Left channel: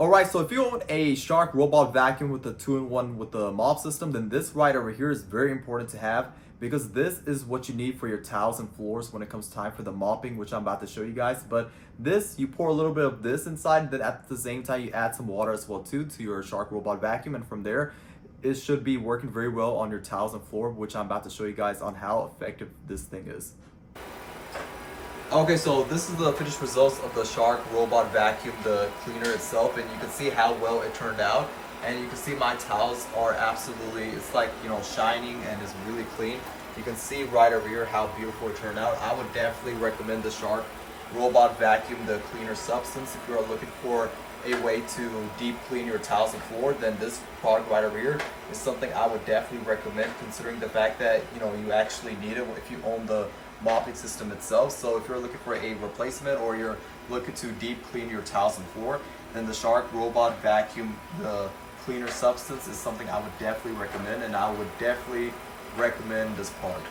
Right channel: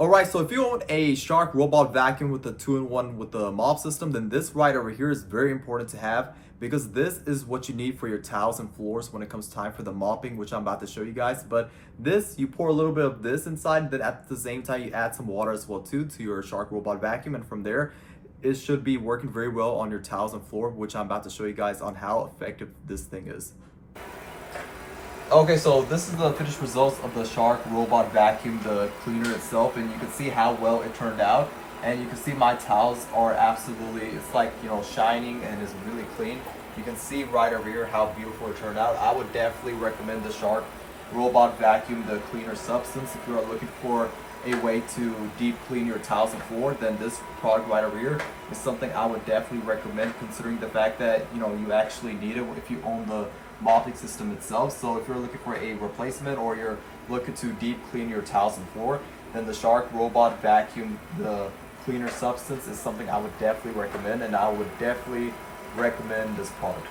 Alright, so if you own a Shark robot vacuum with a 2-in-1 with the mop system, then this right over here is very important to have because this is what you need for your tiles and floors when it comes time for the mopping, which I'm about to show you guys. But this, you pour a little bit of this inside, then at the same time you add some water as well too to your Shark robot vacuum, and from there it should be working very well on your tiles and floor, which I'm about to show you guys on how effective this thing is. Okay, so this is the finished results of the Shark robot vacuum, the cleaner itself, and you can see how well it turned out. And you can see my tiles are absolutely, it's like, you know, shining and is really clean. You can see right over here how beautiful it turned out. I would definitely recommend the Shark robot vacuum, the cleaner substance. If you are looking for a way to deep clean your tiles and floor, then this product right over here is something I would definitely recommend, considering the fact that, you know, you actually need it if you own the mopping system itself. So if you're looking for a replacement or you're looking to deep clean your tiles and floor, then the Shark robot vacuum, the cleaner substance, is something I would definitely recommend, and I would definitely recommend this product.